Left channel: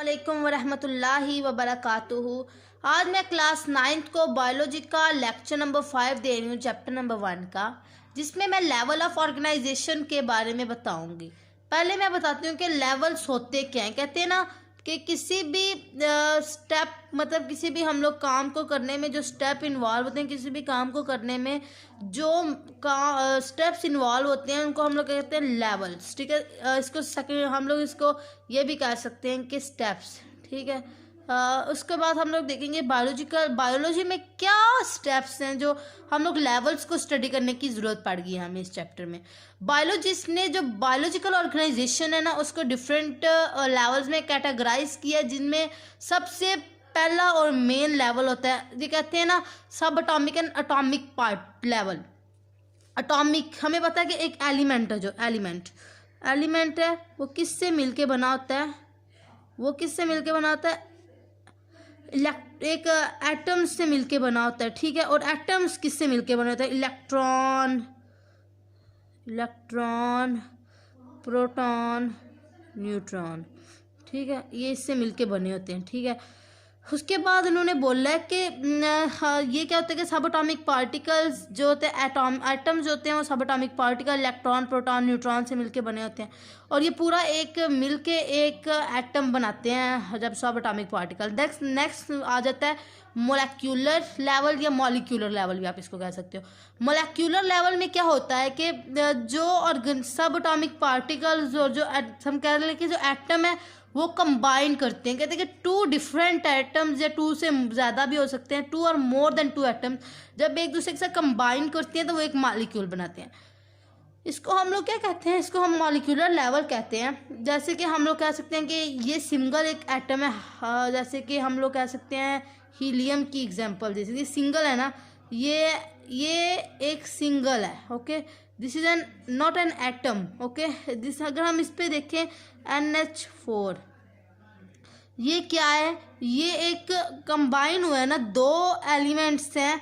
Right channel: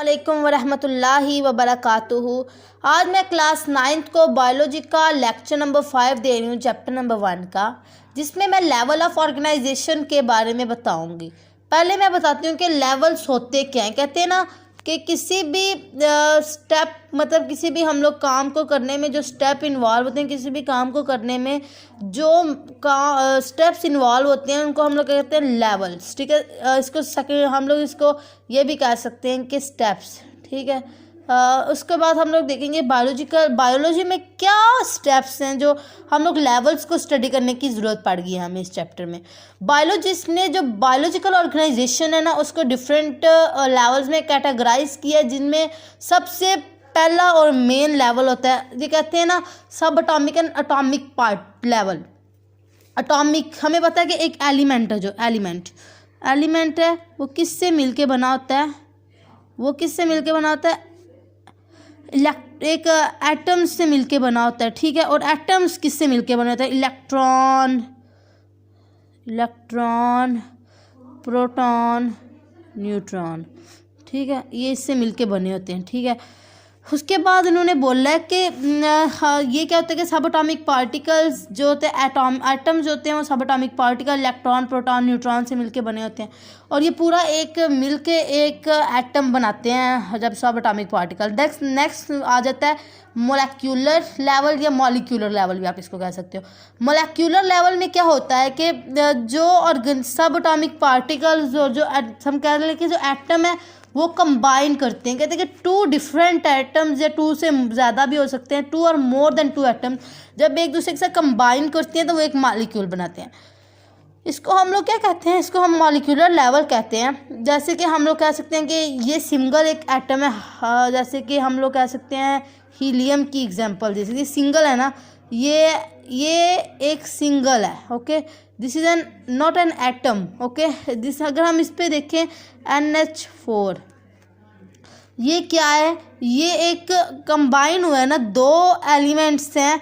वालेकुम वरहमतुल्लाहि वबरकातुहू। आज मैं क्लास 9th को बायोलॉजी का लेक्चर नंबर 5 दे रही हूँ, चैप्टर नंबर 1 का, जिसमें मैं लेवल ऑफ ऑर्गेनाइजेशन के बारे में बताऊँगी। पहले मैं बताती हूँ कि लेवल्स होते क्या हैं। कहते हैं ना कि किसी भी स्टेप मतलब किसी भी हम लोग काम को करने में जो स्टेप इन्वॉल्व होते हैं, किसी भी काम को करने में जो स्टेप्स इन्वॉल्व होते हैं उनको हम लोग कहते हैं लेवल्स। ठीक है, इसको हम लोग इसको ये भी कह सकते हैं कि स्टेप्स। ठीक है, उसके बाद हम लोग देखेंगे बायोलॉजी में क्या स्टेप्स हैं जो हम लोग लेवल्स को स्टडी करने की ज़रूरत पड़ गई है हमें इस चैप्टर में। बायोलॉजिस्ट ने जो बायोलॉजिकल ऑर्गेनाइजेशन है ना उसको डिफरेंट लेवल्स में कैटेगराइज किया, जिनमें सबसे पहला और मेन लेवल होता है, ये कहते हैं ना सब atomic and atomic part level. Atomic हमें पता है कि एक एलिमेंट है, जो एलिमेंट है वो किससे मिलके बना होता है, एक एटम्स से मिलके बना होता है। ठीक है, और एटम्स किससे मिलके बना होता है, इलेक्ट्रॉन, प्रोटॉन, न्यूट्रॉन। ठीक है, ये इससे मिलके बने होते हैं। ठीक है, उसके बाद उन्होंने बोला है कि ये क्या होता है कि सब एटॉमिक पार्टिकल्स जो होते हैं एटम्स जो होते हैं वो सब atomic particle electron, proton, neutron से मिलके बने होते हैं, और ये पूरा एक मिलके एक एटम बनाते हैं जब सब एटॉमिक पार्टिकल। नेक्स्ट आ जाता है मोलेक्यूलर लेवल या मॉलिक्यूलर लेवल भी आप इसको कह सकते हो। मोलेक्यूलर लेवल में क्या होता है कि जो सब एटॉमिक पार्टिकल्स जो हम कह रहे हैं कि जो एटम है वो कंबाइन करते हैं। कहते हैं कि 2 डिफरेंट एटम्स या 2 से ज़्यादा भी हो सकते हैं, 2 और मोर देन 2 एटम्स जब एक दूसरे के साथ कंबाइन करते हैं तो वो एक मॉलिक्यूल बनाते हैं। इसको हम लोग क्या कहते हैं, इसको हम मॉलिक्यूलर लेवल कहते हैं। जैसे कि हम लोग कह सकते हैं कि ये सिंगल एक एटम है, जैसे कि हम लोग कह सकते हैं हीलियम की एग्जांपल, जैसे कि सिंगल है ना, ये एक सिंगल है। Okay, this is an not an atom. Okay, this अगर हम इस पे देखें NH4, ये क्या है, ये एक कंबाइन हुआ है ना, 2 एलिमेंट्स हैं,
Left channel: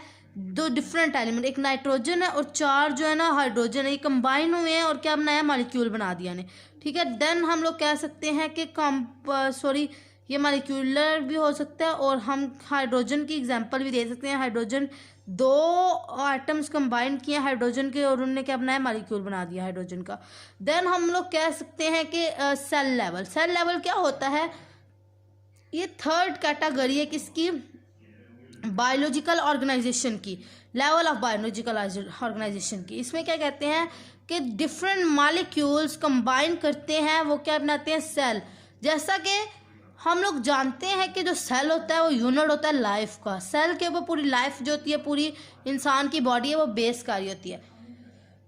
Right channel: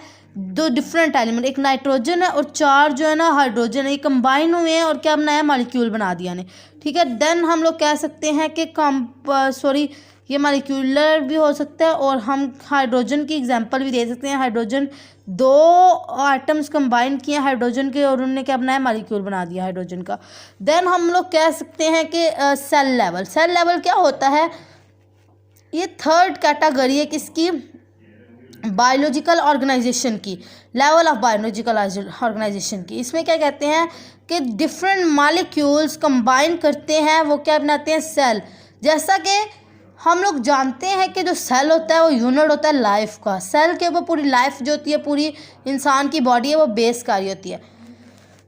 2 डिफरेंट एलिमेंट, एक नाइट्रोजन है और 4 जो है ना हाइड्रोजन है, ये कंबाइन हुए हैं और क्या बनाया, मॉलिक्यूल बना दिया ने। ठीक है, देन हम लोग कह सकते हैं कि ये मॉलिक्यूलर भी हो सकता है, और हम हाइड्रोजन की एग्जांपल भी दे सकते हैं। हाइड्रोजन 2 एटम्स कंबाइन किए हाइड्रोजन के और उन्होंने क्या बनाया, मॉलिक्यूल बना दिया हाइड्रोजन का। देन हम लोग कह सकते हैं कि सेल लेवल क्या होता है, ये थर्ड कैटेगरी है किसकी, बायोलॉजिकल ऑर्गेनाइजेशन की, लेवल ऑफ बायोलॉजिकल ऑर्गेनाइजेशन की। इसमें क्या कहते हैं कि डिफरेंट मॉलिक्यूल्स कंबाइन करते हैं, वो क्या बनाते हैं, सेल। जैसा कि हम लोग जानते हैं कि जो सेल होता है वो यूनिट होता है लाइफ का। सेल के ऊपर पूरी लाइफ जो होती है, पूरी इंसान की बॉडी है वो बेस कार्य होती है।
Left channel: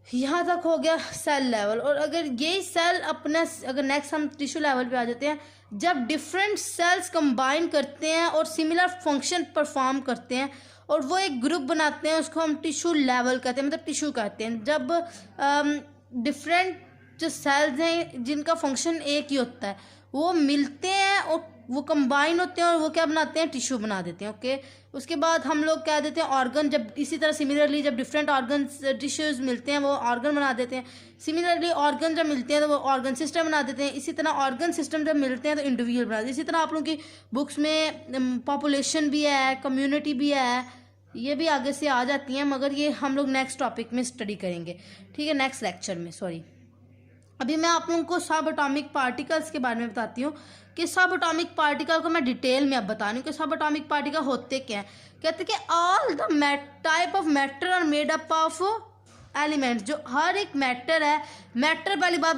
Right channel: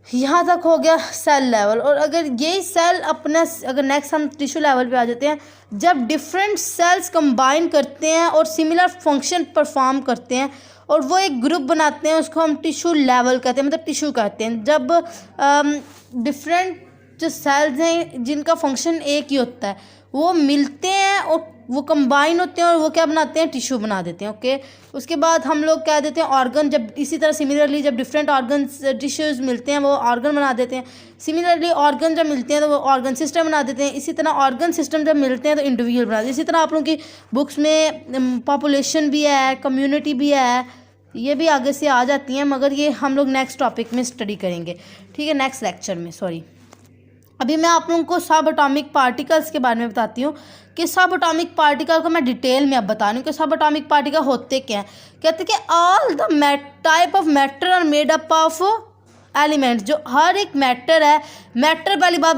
यहाँ तक हो गया सेल लेवल। और अगर यही सेल अगर नेक्स्ट हम टिश्यू लेवल पे आ जाते हैं, जब डिफरेंट सेल्स कंबाइन करते हैं और सिमिलर फंक्शन परफॉर्म करते हैं और वो एक ग्रुप बनाते हैं, उसको हम टिश्यू लेवल कहते हैं, मतलब टिश्यू कहते हैं। जब डिफरेंट जो सेल्स हैं जिनका फंक्शन एक ही होता है वो मिलते हैं और वो कंबाइन होते हैं और वो क्या बनाते हैं, टिश्यू बना देते हैं। ओके, उसके बाद हम लोग कह देते हैं ऑर्गन। जब इसी तरह सिमिलरली जब डिफरेंट ऑर्गन टिश्यूज़ मिलते हैं वो ऑर्गन बना देते हैं। सिमिलरली ऑर्गन जब मिलते हैं तो वो ऑर्गन सिस्टम बना देते हैं। इसी तरह ऑर्गन सिस्टम जब मिलते हैं तो इंडिविजुअल बना देते हैं। इसी तरह आप लोगों की बुक्स में पॉपुलेशन भी है, कम्युनिटी भी है, ये भी आगे से आ जाती हैं, मगर ये हम लोग नेक्स्ट टॉपिक में स्टडी करेंगे। ठीक है, नेक्स्ट लेक्चर में। अभी मैं आप लोगों को सब एटॉमिक पार्टिकल्स के बारे में बताती हूँ कि सब एटॉमिक पार्टिकल को मैं डिटेल में अब बता रही हूँ कि सब एटॉमिक पार्टिकल होते क्या हैं। कहते हैं कि all the type of matter are made up of elements. जो हर एक मैटर है, मैटर पहली बात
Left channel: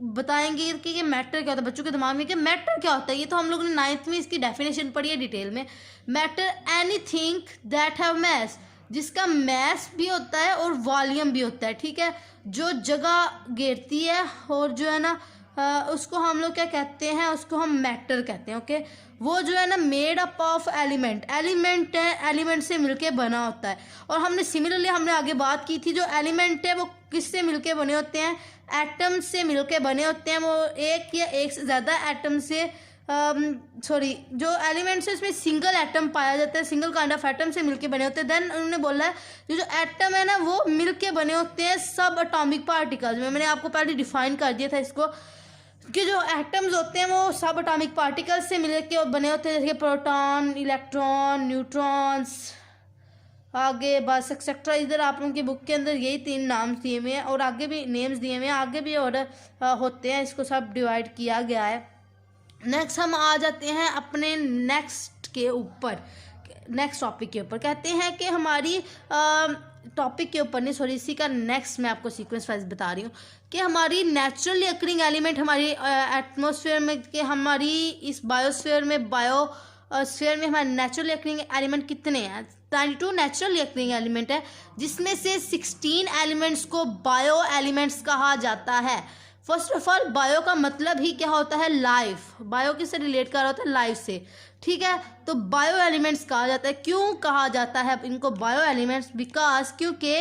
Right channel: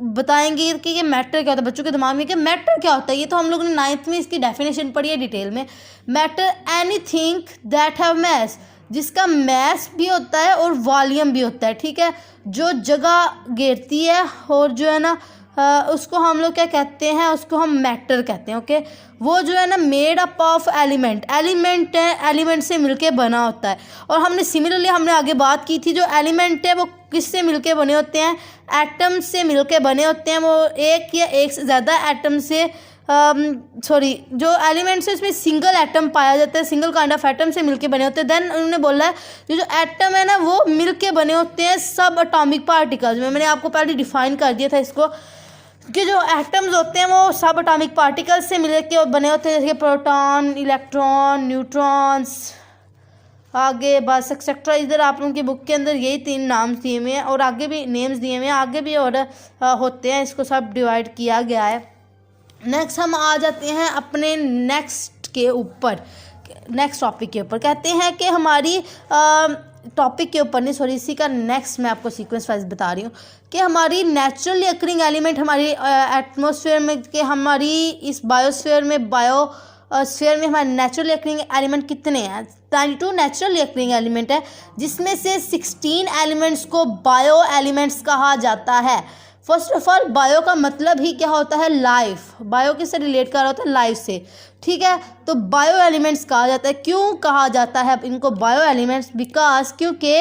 बताएंगे कि ये मैटर क्या होता है बच्चों के दिमाग में, कि मैटर क्या होता है। ये तो हम लोगों ने 9th में इसकी डेफिनेशन पढ़ी है डिटेल में। Matter anything that have mass, जिसका मैस भी होता है और वॉल्यूम भी होता है। ठीक है, जो जगह घेरती है और जो है ना उसको हम लोग क्या कहते हैं, उसको हम मैटर कहते हैं। ओके, वो जो है ना मेड अप ऑफ एलिमेंट है, एलिमेंट से मिलके बना होता है। और हमने आगे बात की थी, जो एलिमेंट है वो किससे मिलके बने होते हैं, एटम से मिलके बने होते हैं। वो एक या एक से ज़्यादा एटम से जो एलिमेंट्स है इसमें सिंगल एटम पाया जाता है, सिंगल काइंड ऑफ एटम से मिलके बने होते हैं। देन उन्होंने बोला है जो एटम है ना वो मिलके बने होते हैं सब एटॉमिक पार्टिकल्स में। मैंने आपको पहले डिफाइन कर दिया था इसको। कि जो एटम्स होते हैं वो सब एटॉमिक पार्टिकल्स से मिल के बने होते हैं, जैसे प्रोटॉन, इलेक्ट्रॉन, न्यूट्रॉन्स, आगे बस एक्सेट्रा। इधर आप लोगों की बुक के अंदर यही 3 नाम दिए हुए हैं और आगे भी नेम्स दिए हुए हैं, आगे भी और होते हैं, इसको सब डिवाइड किया गया है। नेक्स्ट हम आ जाते हैं अपने नेक्स्ट टॉपिक के ऊपर। कहते हैं कि हमारी टॉपिक के ऊपर नहीं, सॉरी, इसी का नेक्स्ट मैं आपको सीक्वेंस वाइज बता रही हूँ कि हमारी नेचुरली अकरिंग एलिमेंट हमारी एटमॉस्फेयर में, कि हमारी इस बायोस्फीयर में हमारे नेचुरली अकरिंग एलिमेंट कितने हैं। 92 नेचुरली अकरिंग एलिमेंट है, जिसमें से 16 एलिमेंट्स को बायो एलिमेंट्स कहा जाता है। फर्स्ट ऑफ ऑल, बायो का मतलब ही क्या होता है? लाइफ। बायो किससे रिलेट कर रहा होता है? लाइफ से, ठीक है। तो बायो एलिमेंट्स कहा जाता है। क्यों कहा जाता है इनको बायो एलिमेंट्स? बिकॉज क्योंकि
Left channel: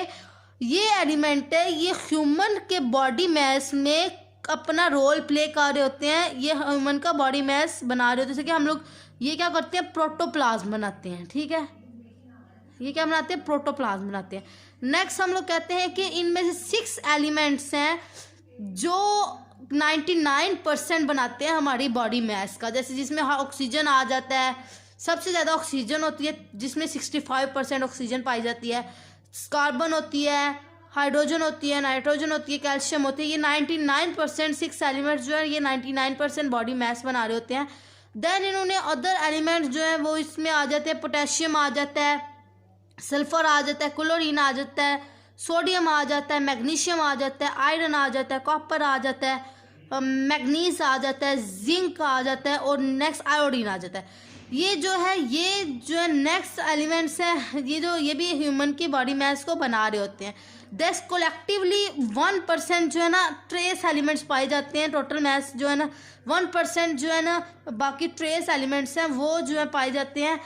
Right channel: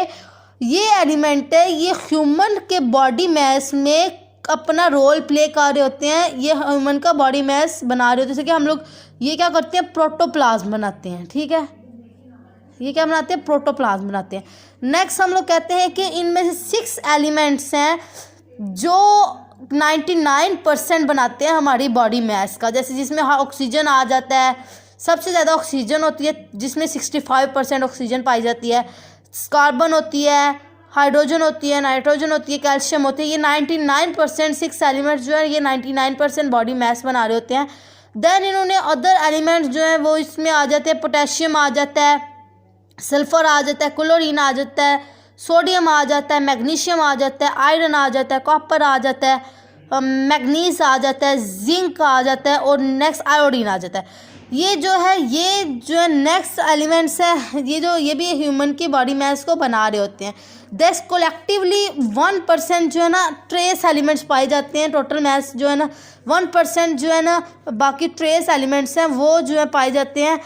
ये एलिमेंट है, ये ह्यूमन के बॉडी मास में अपना रोल प्ले कर रहे होते हैं। ये ह्यूमन का बॉडी मास बना रहे होते हैं। जैसे कि हम लोग ये क्या करते हैं? प्रोटोप्लाज्म बनाते हैं, ठीक है। ये क्या बनाते हैं? प्रोटोप्लाज्म बनाते हैं। नेक्स्ट हम लोग कहते हैं कि इनमें से 6 एलिमेंट्स हैं जो 99% बनाते हैं हमारी बॉडी मास का। जैसे जिसमें ऑक्सीजन आ जाता है, सबसे ज़्यादा ऑक्सीजन होती है, जिसमें 65% ऑक्सीजन पाई जाती है। कार्बन होती है, हाइड्रोजन होती है, नाइट्रोजन होती है, कैल्शियम होती है। ये 99% 6 एलिमेंट्स जो है ये 99% बॉडी मास बना रहे होते हैं। देन इन्होंने अदर एलिमेंट्स जो हैं वो इसमें आ जाते हैं। पोटेशियम आ जाता है, सल्फर आ जाता है, क्लोरीन आ जाता है, सोडियम आ जाता है, मैग्नीशियम आ जाता है, आयरन आ जाता है, कॉपर आ जाता है, मैग्नीज आ जाता है, जिंक आ जाता है और नेक्स्ट आयोडीन आ जाता है। ये जो है नेक्स्ट एलिमेंट्स है, ये भी ह्यूमन की बॉडी मास को बना रहे होते हैं। दस कोलेक्टिवली 1% जो है ना ट्रेस एलिमेंट्स पाए जाते हैं। टोटल मास जो है ना 1% जो है ना बाकी ट्रेस एलिमेंट्स हैं वो जो है पाए जाते हैं,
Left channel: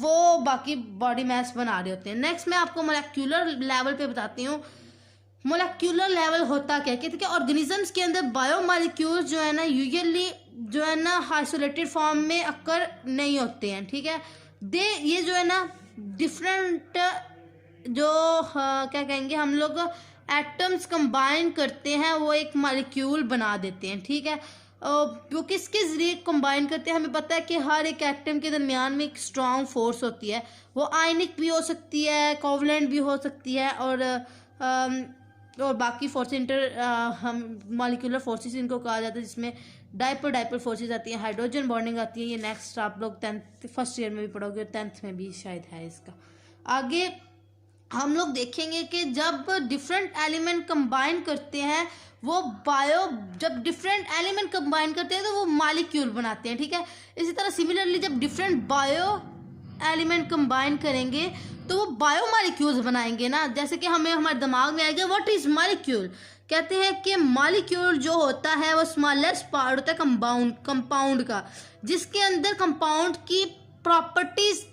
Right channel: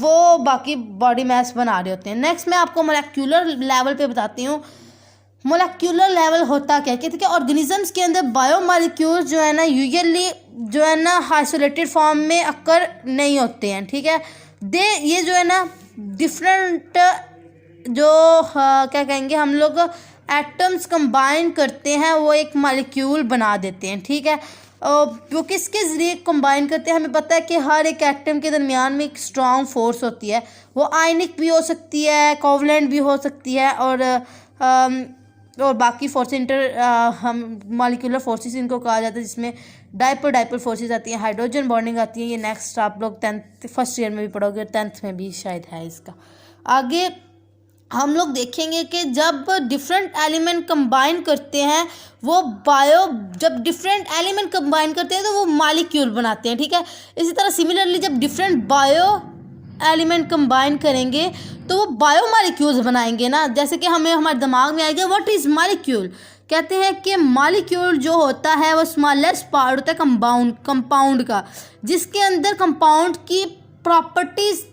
वो बाकी बॉडी मास बना रहे होते हैं। नेक्स्ट मैं आपको मोलेक्यूलर लेवल पे बताती हूँ। मोलेक्यूलर लेवल होता क्या है कि ऑर्गेनिजम्स के अंदर बायोमोलिक्यूल्स जो है ना यूजुअली जो है ना आइसोलेटेड फॉर्म में अक्कर नहीं होते हैं, ठीक है। ये जो है ना डिफरेंट जो क्या कहेंगे हम लोग एटम्स कंबाइन करते हैं, वो एक मॉलिक्यूल बना देते हैं, ठीक है। वो किसके ज़रिए कंबाइन करते हैं? हमें पता है कि हर एक एटम के दरमियान में एक स्ट्रॉन्ग फोर्स होती है। वो आयनिक भी हो सकती है, कोवलेंट भी हो सकती है और बाकी फोर्स हम मॉलिक्यूलर फोर्सेस इनको कहा जाता है, जिसमें डाइपोल फोर्सेस आती हैं, हाइड्रोजन बॉन्डिंग आती है। ये नेक्स्ट आप लोग 10th फर्स्ट ईयर में भी पढ़ोगे, 10th में भी शायद है इसका। आगे हम लोग देखेंगे कि जब डिफरेंट एलिमेंट कंबाइन करते हैं जब डिफरेंट एलिमेंट कंबाइन करते हैं तो वो मॉलिक्यूल बनाते हैं, ठीक है। इसी तरह सिमिलरली जब डिफरेंट बायो एलिमेंट कंबाइन करेंगे तो वो बायो मॉलिक्यूल्स बनाएंगे ना। जैसे कि हमारे दिमाग में आएगा व्हाट इज़ मॉलिक्यूल। कहते हैं कि मॉलिक्यूल जो होता है वो स्मॉलेस्ट पार्ट होता है कंपाउंड का, जिसके अंदर कंपाउंड की प्रॉपर्टीज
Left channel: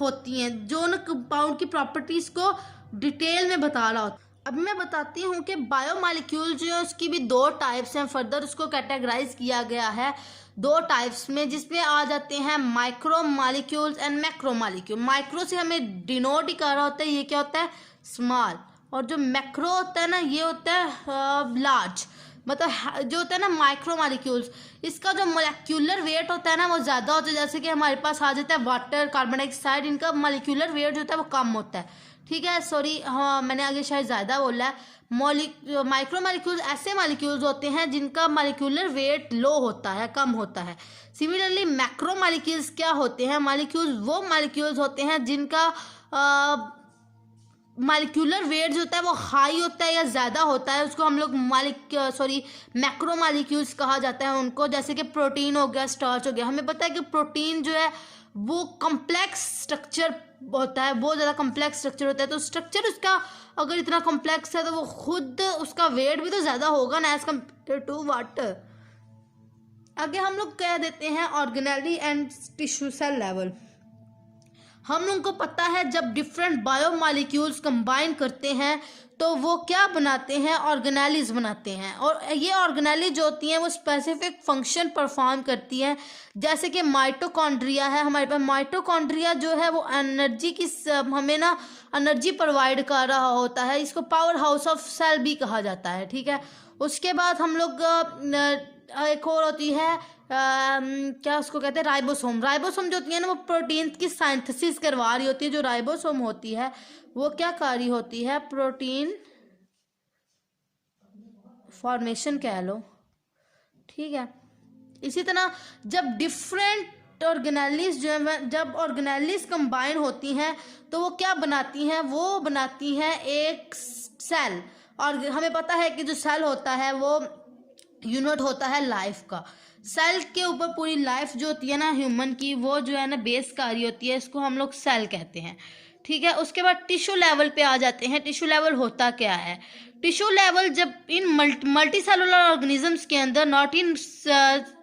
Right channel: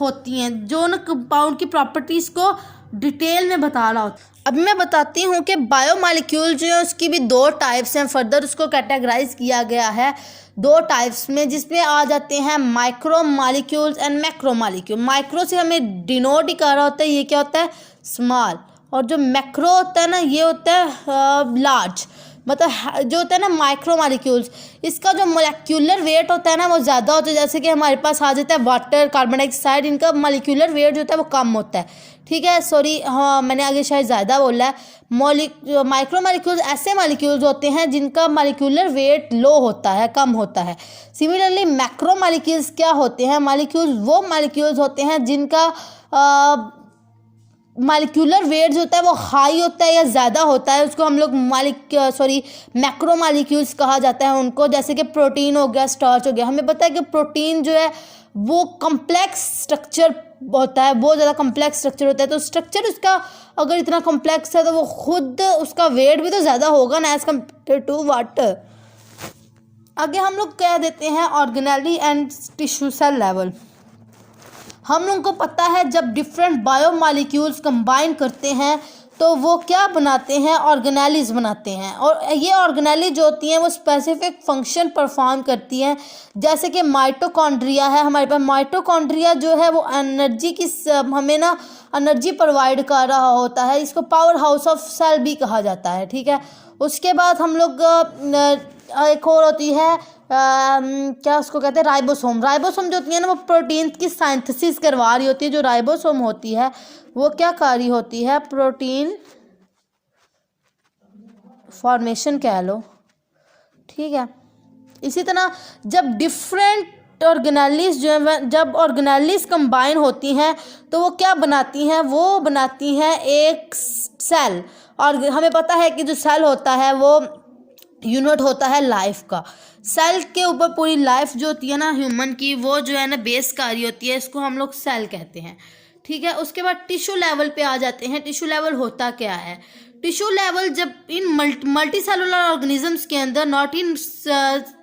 होती हैं, जो ना कंपाउंड की प्रॉपर्टीज़ को डिटेल में बता रहा होता है। अब मैं बताती हूँ कि बायोमॉलिक्यूल जो है उसकी भी 2 टाइप्स हैं। फर्दर उसको कैटेगराइज किया गया है 2 टाइप्स में, जिसमें आ जाते हैं micro molecules and macro molecule. Micro से हमें डिनोट ही कर रहा होता है, ये क्या होता है? स्मॉल। और जो मैक्रो होता है ना ये होता है लार्ज। मतलब जो होता है ना माइक्रो मॉलिक्यूल्स, इसका जो मोलेक्यूलर वेट होता है ना वो ज़्यादा होता है। जैसे कि हमारे पास आ जाता है वाटर, कार्बन डाइऑक्साइड, इनका मोलेक्यूलर वेट जो होता है वो कम होता है, ठीक है। सॉरी, हाँ मैंने आगे शायद ज़्यादा बोला है। माइक्रो मॉलिक्यूल्स ऐसे मॉलिक्यूल्स होते हैं जिनका मॉलिक्यूलर वेट लो होता है, कम होता है। सिमिलरली मैक्रो मॉलिक्यूल्स क्या होते हैं? वो मॉलिक्यूल्स होते हैं जिनका मॉलिक्यूलर वेट जो होता है वो हाई होता है या ज़्यादा होता है, उसको हम लोग मैक्रो मॉलिक्यूल्स कहा जाता है उनको। जैसे कि प्रोटीन हो गया, स्टार्च हो गया। हमें पता है कि प्रोटीन जो है वो कम्प्लेक्स स्ट्रक्चर होता है, बहुत ज़्यादा कम्प्लेक्स स्ट्रक्चर होता है। तो स्ट्रक्चर उसका अगर इतना कम्प्लेक्स है तो वो खुद उसका वेट भी तो ज़्यादा होगा ना एज़ कम्पेयर टू वाटर। आगे हम लोग कह देते हैं organelle and tissue cell level. हम लोगों को पता है जब डिफरेंट बायोमॉलिक्यूल्स कंबाइन करते हैं तो वो क्या बनाते हैं? ऑर्गेनेलीज बनाते हैं। और ये ऑर्गेनेली जो होती हैं वो स्पेसिफिक फंक्शन परफॉर्म करती हैं। जैसे कि माइटोकॉन्ड्रिया है हमारे पास। माइटोकॉन्ड्रिया जो है वो हमें ना एनर्जी प्रोवाइड कर रहा होता है। इसको पावर हाउस ऑफ सेल भी कहा जाता है, ठीक है। उसके बाद हम लोग एक और होती है क्या उसको कहते हैं, राइबोसोम। राइबोसोम जो होती है ना वो प्रोटीन की साइंथेसिस करवा रही होती है। जो राइबोसोम होती है वो क्या कर रही होती है, प्रोटीन फॉर्मेशन कह लो, ठीक है। इसी तरह जब डिफरेंट ऑर्गेनेलिस जो है, जब ऑर्गेनेलिस कंबाइन होती हैं तो वो क्या बनाती हैं, वो बनाती हैं एक सेल। और हमें पता है कि जो सेल होता है वो यूनिट होता है लाइफ का। सेल के ऊपर पूरी लाइफ जो होती है ना ह्यूमन की, वो जो है ना बेस कार्य होती है, इसको हम लोग सेल कहते हैं, ठीक है। उसके बाद टिश्यू लेवल पे आ जाते हैं। टिश्यू लेवल होता क्या है, टिश्यू लेवल जब इन मल्टी सेलुलर ऑर्गेनिजम्स के अंदर, not in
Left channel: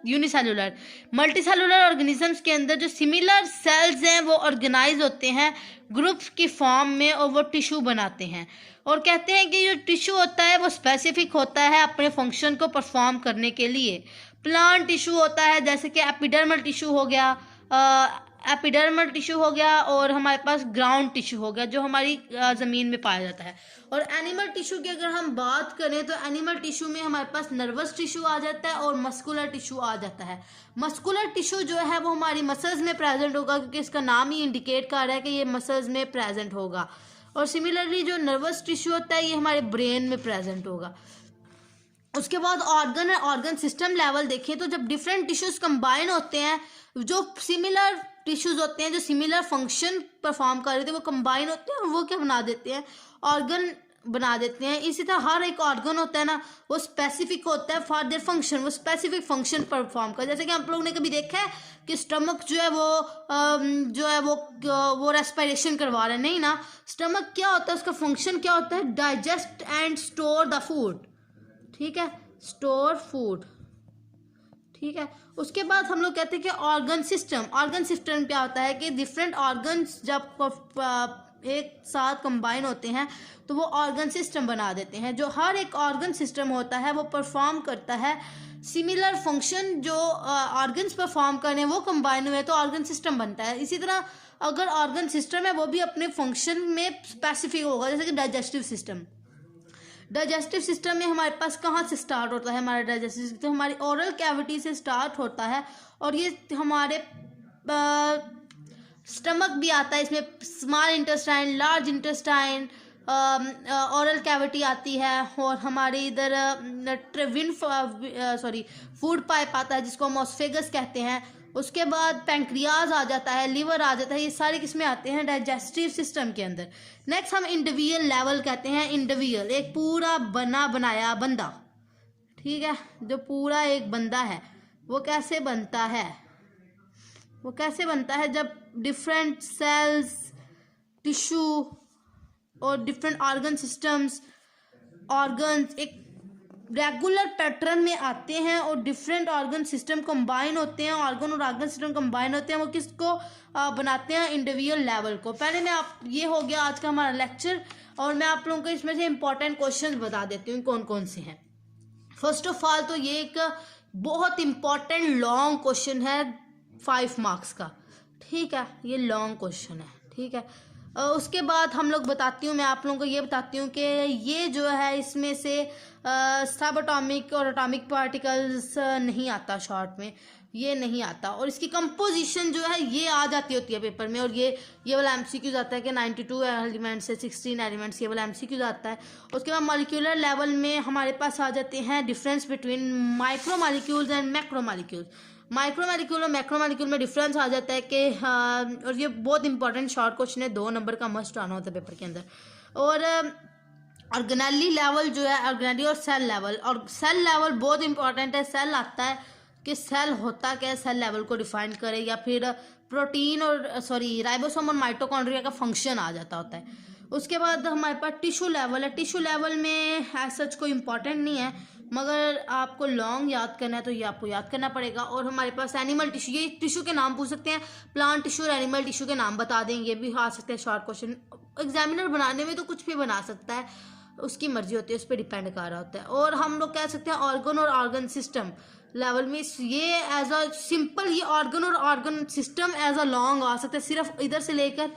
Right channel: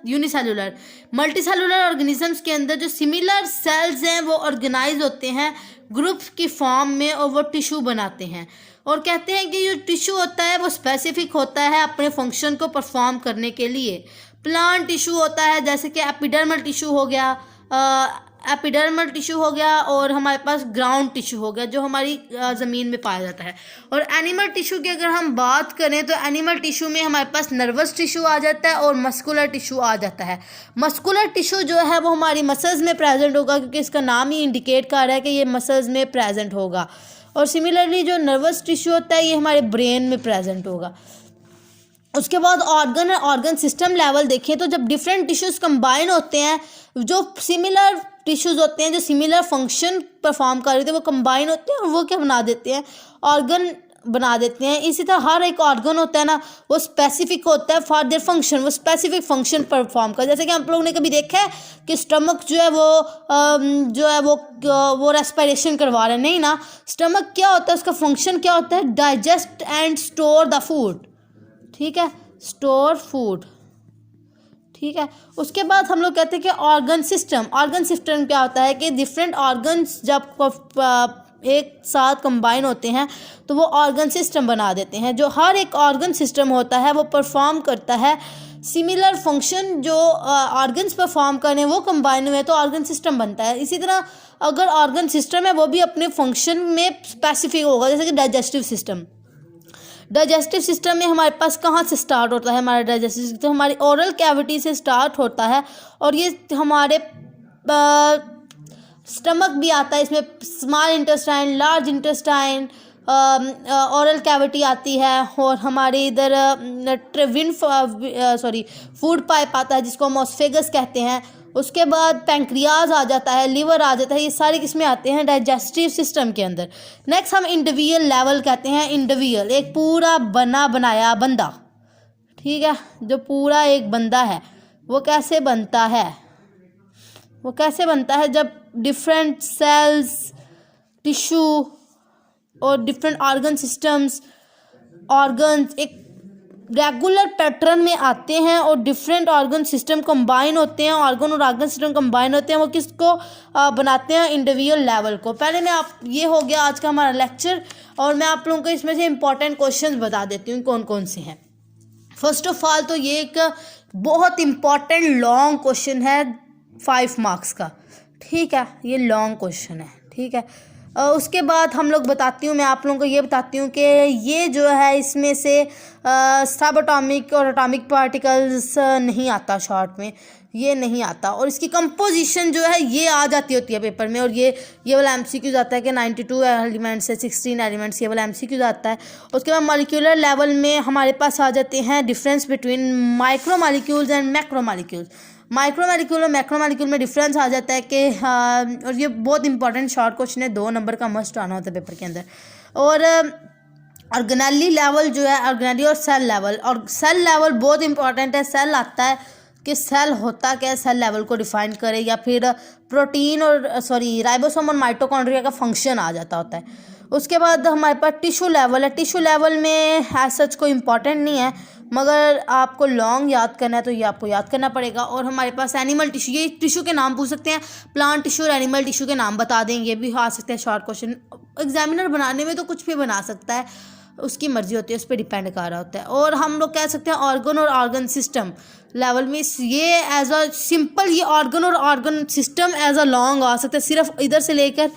unicellular, multi cellular organisms के अंदर जो सिमिलर सेल्स हैं वो ऑर्गेनाइज होते हैं ग्रुप्स की फॉर्म में और वो टिश्यू बनाते हैं। और कहते हैं कि जो टिश्यू होता है वो स्पेसिफिक होता है अपने फंक्शन को परफॉर्म करने के लिए। प्लांट टिश्यू होता है जैसे कि एपिडर्मल टिश्यू हो गया, एपिडर्मल टिश्यू हो गया, और हमारे पास ग्राउंड टिश्यू हो गया जो हमारी ज़मीन में पाया जाता है। और एनिमल टिश्यू की अगर हम बात करें तो एनिमल टिश्यू में हमारे पास नर्वस टिश्यू आ जाता है और मस्कुलर टिश्यू आ जाता है। मस्कुलर टिश्यू जो है वो हमारी मसल्स में प्रेजेंट होगा, क्योंकि इसका नाम ही इंडिकेट कर रहा है कि ये मसल्स में प्रेजेंट होगा। और सिमिलरली जो नर्वस टिश्यू होता है ये हमारे ब्रेन में प्रेजेंट होगा। उसके बाद ऑर्गन और ऑर्गन सिस्टम लेवल देखें तो जब डिफरेंट टिश्यूज कंबाइन होते हैं, जो सिमिलर टिश्यूज होते हैं जो सिमिलर फंक्शन परफॉर्म कर रहे थे वो कंबाइन होते हैं और वो क्या बना देते हैं, ऑर्गन बना देते हैं। इसी तरह हर एक ऑर्गन होता है ना वो स्पेसिफिक होता है फॉर देयर फंक्शन, वो स्पेसिफिक फंक्शन परफॉर्म कर। जैसे कि आप लोगों ने कभी देखा है कि स्टमक जो है वो रेस्पिरेशन करवा रहे हैं, नहीं ना। स्टमक क्या होता है, उसका फंक्शन क्या होता है, digest and store the food, ठीक है, स्टोर फूड, ठीक है। उसके बाद हम लोग कहते हैं कि ऑर्गन सिस्टम। ऑर्गन सिस्टम क्या होता है कि डिफरेंट ऑर्गन्स जब एक साथ कंबाइन होते हैं तो वो ऑर्गन सिस्टम बना देते हैं। जो हर एक ऑर्गन सिस्टम होता है वो परफॉर्म करता है सिमिलर फंक्शन, जो ऑर्गन्स परफॉर्म करें वो कंबाइन हुए तो ऑर्गन सिस्टम बनता है। इसी तरह अगर ऑर्गन सिस्टम है वो भी अपने फंक्शन में स्पेसिफिक होगा। जैसे कि डाइजेस्टिव सिस्टम, डाइजेस्टिव सिस्टम में हमारे पास कहाँ से स्टार्ट होता है, हमारा डाइजेस्टिव सिस्टम हमारी ओरल कैविटी से स्टार्ट होता है और ये हमारे स्टमक भी आता है, इसमें small intestine, large intestine, oral cavity आती है और हमारे इधर फूड पाइप आता है जिसको हम ऑस्फेगस कहते हैं। उसके बाद पैंक्रियाज आ जाता है, लिवर आ जाता है, ये सारे किसमें आते हैं, डाइजेस्टिव सिस्टम के अंदर। नेक्स्ट हम इंडिविजुअल लेवल कहते हैं। इंडिविजुअल एक पूरा बना बनाया बंदा, ठीक है, जो पूरा एक बंदा है वो कैसे बनता है, वो कैसे बनता है जब डिफरेंट सेल्स, टिश्यू और डिफरेंट ऑर्गन सिस्टम्स, ऑर्गन्स एक रेगुलर पैटर्न में आते हैं और डिफरेंट ऑर्गन सिस्टम कंबाइन होते हैं, ऑर्गन और ऑर्गन सिस्टम कंबाइन होते हैं, वो किसको बनाते हैं, इंडिविजुअल लेवल को। पहले मैं आप ये हो गया आज का हमारा लेक्चर और मैं आप लोगों को इसमें से इंपॉर्टेंट क्वेश्चंस बता देती हूँ कौन कौन से हैं। फर्स्ट ऑफ ऑल तो ये एक बहुत इंपॉर्टेंट लॉन्ग क्वेश्चन है 5 मार्क्स का, ठीक है, ये लॉन्ग क्वेश्चन है, ठीक है। उसके बाद हम लोग बताती हूँ, मैं आप लोगों को ये बताती हूँ कि ये जो है इसमें से सब एटॉमिक और एटॉमिक पार्टिकल्स नहीं आता, शॉर्ट में ये नहीं आता, और इसकी कंपोजिशन जो है ये आ जाती होती है पेपर में। और ये वाला एमसीक्यूज आता है कि 92 एलिमेंट्स है, 16 एलिमेंट्स, ये वाला एमसीक्यूज आता है। उसके बाद मॉलिक्यूलर लेवल में हमारे पास आ जाते हैं difference between micro molecules and macro molecules. Micro molecule और मैक्रो मॉलिक्यूल में डिफरेंस आ जाता है कि और ये बहुत इंपॉर्टेंट शॉर्ट क्वेश्चन है, 2 नंबर का मस्ट आना होता है पेपर के अंदर। और ऑर्गेनेली लेवल जो है, ऑर्गेनेली और सेल लेवल, और सेल लेवल बहुत इंपॉर्टेंट है। सेल आता है कि सेल होता क्या है, सेल लेवल को डिफाइन करे, या फिर प्रोटीन और राइबोसोम और माइटोकॉन्ड्रिया का फंक्शन आ जाता होता है। उसके बाद हमारे पास टिश्यू लेवल है। टिश्यू लेवल में एज सच कोई इंपॉर्टेंट नहीं है, मगर आपको लॉन्ग याद करना है तो ये आपको याद करना पड़ेगा। और हमारे पास एनिमल टिश्यू, ये टिश्यू के नाम पूछ सकते हैं, प्लांट टिश्यू और एनिमल टिश्यू के नाम बता दें, ये भी आ सकते हैं शॉर्ट क्वेश्चन। एग्जामिनर बनाने में तो कुछ भी बना सकता है, उसकी मर्जी होती है, उस पर डिपेंड कर रहा होता है। और हम लोग कह सकते हैं ऑर्गन और ऑर्गन सिस्टम लेवल में ये एज अ सिंपल, ये ऑर्गन और organ system as a long आ सकता है, सिर्फ इधर से लेकर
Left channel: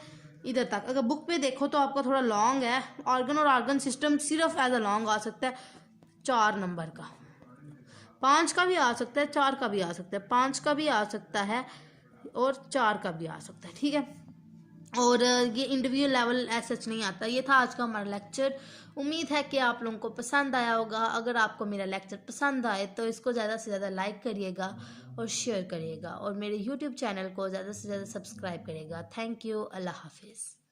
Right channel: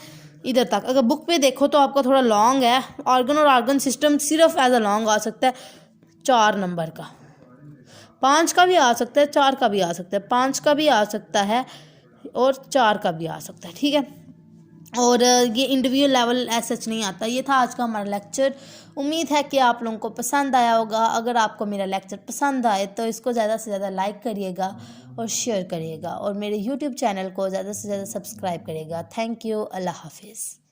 इधर तक। अगर बुक पे देखो तो आपका थोड़ा लॉन्ग है, ऑर्गन और ऑर्गन सिस्टम सिर्फ एज अ लॉन्ग आ सकता है 4 नंबर का। 5 का भी आ सकता है, 4 का भी आ सकता है, 5 का भी आ सकता है और 4 का भी आ सकता है, ठीक है। और ये इंटरव्यू लेवल ऐसा सच नहीं आता। ये था आज का हमारा लेक्चर। उम्मीद है कि आप लोगों को पसंद आया होगा। अगर आपको मेरा लेक्चर पसंद आए तो इसको ज़्यादा से ज़्यादा लाइक करिएगा और शेयर करिएगा और मेरे यूट्यूब चैनल को ज़्यादा से ज़्यादा सब्सक्राइब करिएगा। Thank you. अल्लाह हाफिज़।